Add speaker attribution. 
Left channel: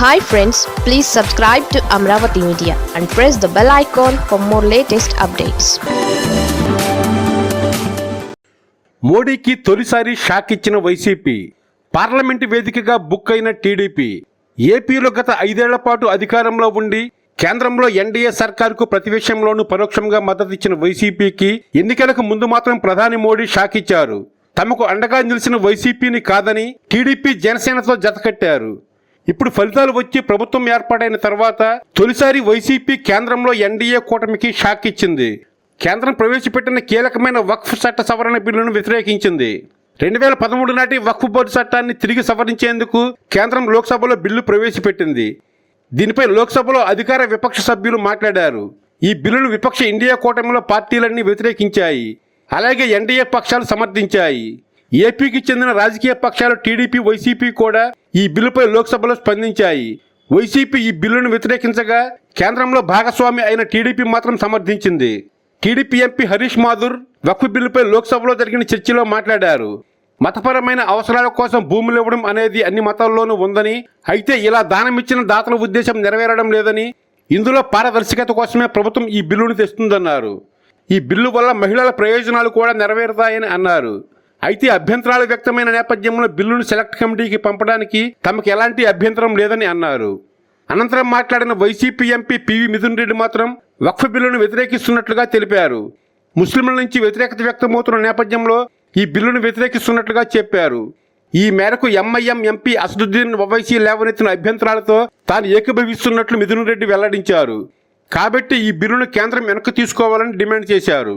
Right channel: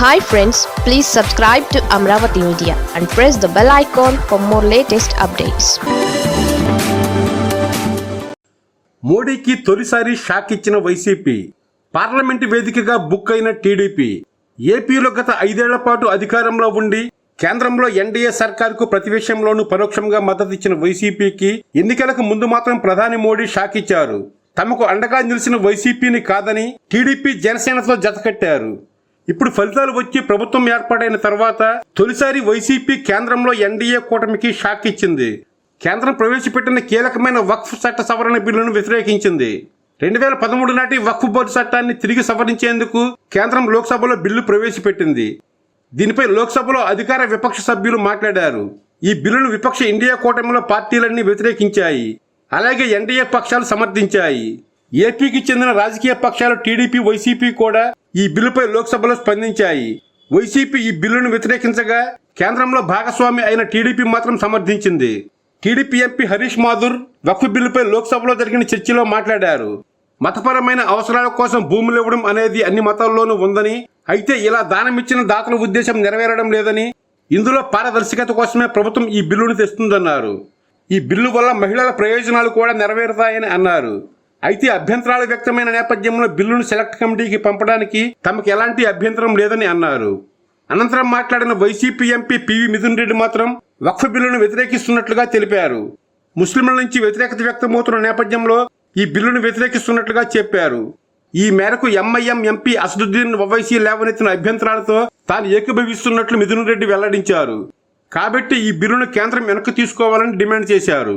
Speaker 1: Hi friends please subscribe to Amaravati media and press the bell icon for more latest updates
Speaker 2: మోడీకి తొలిసారి shock ఇచ్చిన YCP parliament వేదికగా book అయిన TDP ఏపీలో గత ఐదేళ్ళ పాటు అధికారంలో ఉండి కేంద్రంలో ఎన్డీఏ సర్కార్కు ప్రతి పరోక్షంగా మద్దతిచ్చిన వైసీపీకి ఎన్నికలకు ముందు మాత్రం ప్రధాని మోడీ షాక్ ఇచ్చారు. తమకు అండగా నిలిచిన వైసీపీని కాదని టీడీపీ జనసేనతో జతకట్టారు ఇప్పుడు ఫలితాలు వచ్చి ప్రభుత్వం ఏర్పాటైన తర్వాత తొలిసారి వైసీపీ కేంద్రంలో ఎన్డీఏ కూటమికి షాక్ ఇచ్చింది. కేంద్రం ప్రవేశపెట్టిన కీలకమైన వక్ఫ్ చట్ట సవరణ బిల్లును వ్యతిరేకించింది. రెండు వేల పదమూడు నాటి వక్ఫ్ బోర్డు చట్టాన్ని తిరిగి సవరించేందుకు కేంద్రం లోక్సభలో బిల్లు ప్రవేశపెట్టింది. దీనిపై లోక్సభలో అధికార విపక్ష సభ్యులు మాట్లాడారు. ఈ బిల్లును విపక్ష ఇండియా కూటమిలో పార్టీలన్నీ వ్యతిరేకించాయి. అలాగే ఎన్డీఏ పక్షాలు సమర్థించాయి. ఏపీకి చెందిన రాజకీయ పక్షాలు టీడీపీ వైసీపీ కూడా ఈ బిల్లుపై లోక్సభలో స్పందించాయి. వైసీపీ ఈ బిల్లును వ్యతిరేకించగా కేంద్రంలో భాగస్వామి అయిన టీడీపీ మాత్రం సమర్థించింది. టీడీపీ ఎంపీ హరీష్ మాధుర్ వక్ఫ్ బిల్లుపై లోక్సభలో జరిగిన చర్చలో మాట్లాడారు. మతపరమైన అవసరాల కోసం భూములు ఇవ్వడం అనేది అన్ని మతాల్లోనూ ఉందని అయితే ఇలా దానం ఇచ్చిన దాతల ఉద్దేశం నెరవేరడం లేదని ఇందులో పారదర్శకత కోసమే ప్రభుత్వం ఈ బిల్లును తెస్తుందన్నారు. ఈ బిల్లు వల్ల మహిళల ప్రయోజనాలు కూడా నెరవేరుతాయని అన్నారు. అయితే అభ్యంతరాలు వ్యక్తమైన నేపథ్యంలో బిల్లును సెలెక్ట్ కమిటీకి పంపడానికి తమకు ఎలాంటి అభ్యంతరం లేదని అన్నారు. అనంతరం మాట్లాడిన YCP MP PV Mithun Reddy మాత్రం వక్ఫ్ బిల్లును వ్యతిరేకిస్తున్నట్లుగా తెలిపారు. ముస్లింల నుంచి వ్యతిరేకత వ్యక్తమవుతున్న నేపథ్యంలో ఈ బిల్లును వ్యతిరేకిస్తున్నట్లుగా చెప్పారు. ఈ మేరకు ఎంఐఎం ఎంపీ అసదుద్దీన్ ఒవైసీ లేవనెత్తిన అభ్యంతరాలతో తాను ఏకీభవిస్తున్నట్లు మిథున్ రెడ్డి వెల్లడించారు. కాబట్టి ఈ బిల్లును కేంద్రం వెనక్కి తీసుకోవాలని డిమాండ్ చేశారు.